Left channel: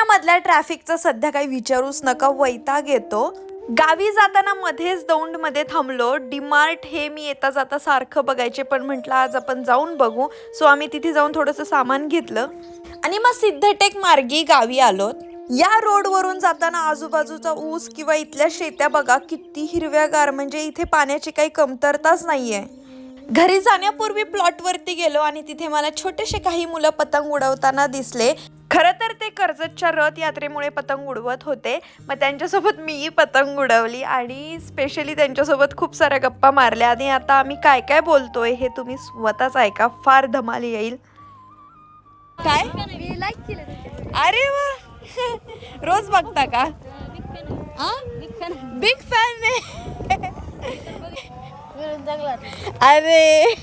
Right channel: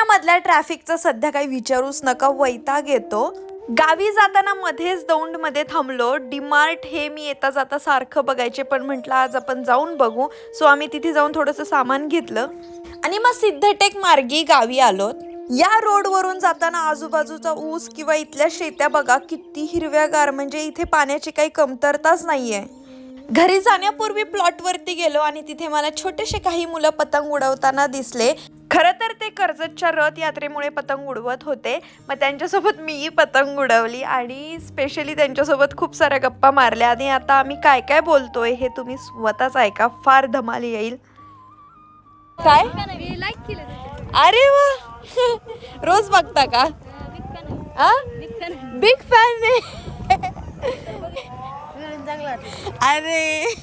पुण्यामधल्या ट्रॅफिकचं सध्या काही विचारूच नका, वैताग येतो। गावी जाताना मध्येच दौंडमध्ये थांबलो। डीमार्ट हे मी येता जाता सारखं बघायचे, पण म्हटलं आज आपण जाऊन बघू। सो आम्ही तिथे जाऊन थोडंसं सामान घेतलं आणि मग सिद्धटेक मार्गी गावी आलो। या रोडवरून जाताना आजूबाजूचा ऊस किंवा इथल्या शेत्या बघा किती हिरव्यागार, म्हणजे इथे पाण्याची काही कमतरताच नाहीये। घरी जाण्यापूर्वी प्लॉटवरती गेलो आणि तिथे मला छोटेसे काही मुलं पतंग उडवताना दिसले। खरं तर ते कर्जतच्या रथ यात्रेमुळे पतंग उडवत होते। मग त्यांच्यासोबत मीही पतंग उडवली आणि स्पेशली त्यांच्यासोबत खूप साऱ्या गप्पा मारल्या। आणि आता आम्ही काय काय बोलतोय हे तुम्ही स्वतःच ऐका, फार धमाल येईल। काय अरे वा, रोज बघता का? Big fan. अरे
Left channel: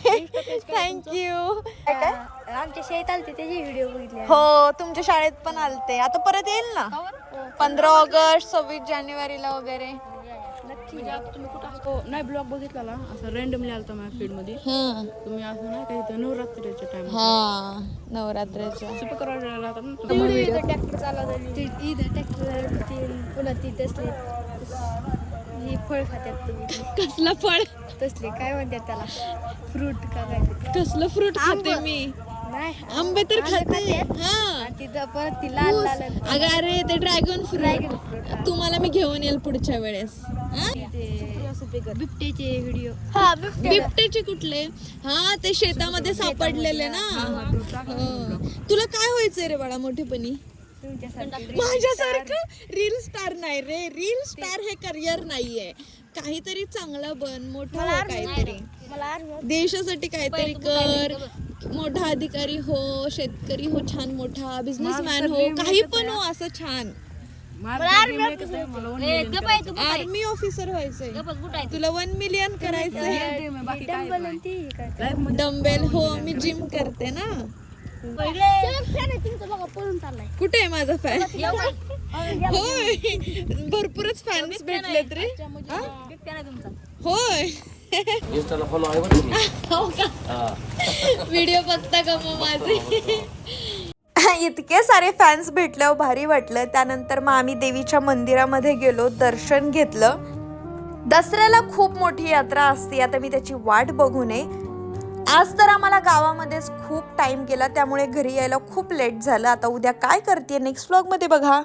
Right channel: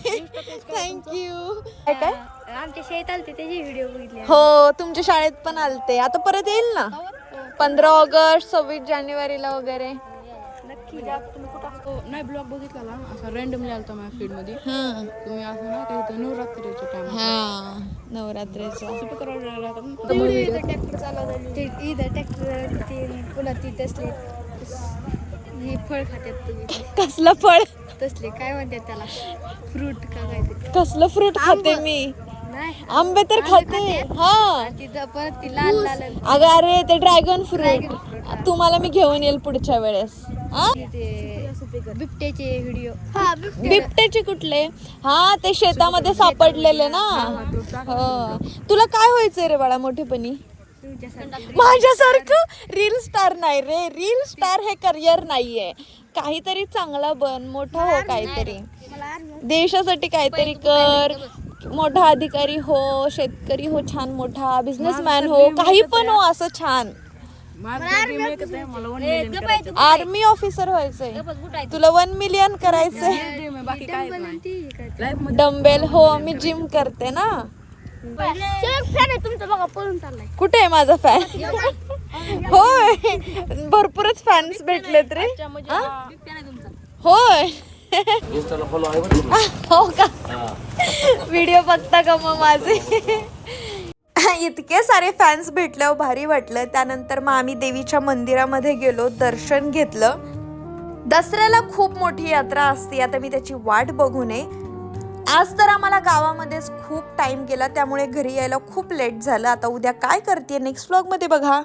थँक्यू। आमच्या शाळेत आलते त्याची व्हिडिओ बघितली। हो तुमच्या शाळेत पण आलते, आता परत येईल ना 15 ऑगस्ट 26 जानेवारीला वगैरे। म्हणजे आता तुम्ही कुठं नाही ब्लॉग बघितला ना, असं रँडमली आलता माझ्या फीड मध्ये। तुम्ही असं नाही का इथं नवरात्रीच्या टाइम नवरात्रीच्या ट्रॅक्टर चालवतात ते, इथं ट्रॅक्टर ते पुन्हा ती तसले हे फळ खात्यात तुम्ही। कसलं फळ? तसले काय म्हणतात त्याला, फ्रूट का काय ते? कसलं फ्रूट खाते मी? नाही आंबे तर खाते। हा तिथं पण ती लाल लाल अगं अरे ते ड्रॅगन फ्रूट तुम्हाला मी घेऊन येईल पुढच्या वेळेस। बिबट्याचे व्हिडिओ। बिबट्याचे कुठले? हा ते शेतामध्ये सापडलेले ना। तुला काय व्हायचंय रे बाळा मोठेपणी? माझ्यासारखं रील स्टार नाही रे, रील स्टार हे करिअर नाहीये। काहीतरी चांगलं बन, मोठा हो, काहीतरी देशासाठी काहीतरी कर, मोठा अधिकारी हो, शेतकरी हो, छान मोठा बिझनेसमॅन हो, काही पण हो असं छान। आर्मी ऑफिसर व्हायचंय तुला, 1 मिलियन करायचंय। डंबेल हो, मी जिम करते ना। कुठे आहे माझा फॅन? होय भरपूरच फॅन्स भेटलेत रे। होय हो का? व्हिडिओ बघता का मग माझे? इतके सारे फॅन्स भेटल्यावर भारी वाटलं। त्यानंतर मग आम्ही देवीच्या मंदिरामध्ये गेलो, दर्शन घेतलं। दसऱ्याला खूप मोठी यात्रा असते, आता मी त्याची वाट बघू नये। आज तर आम्हाला गावामध्येच खूप टाइम गेला, त्यामुळे घरी यायला खूप लेट झालं। आता उद्या काय करते नेक्स्ट व्लॉग मध्ये बघा।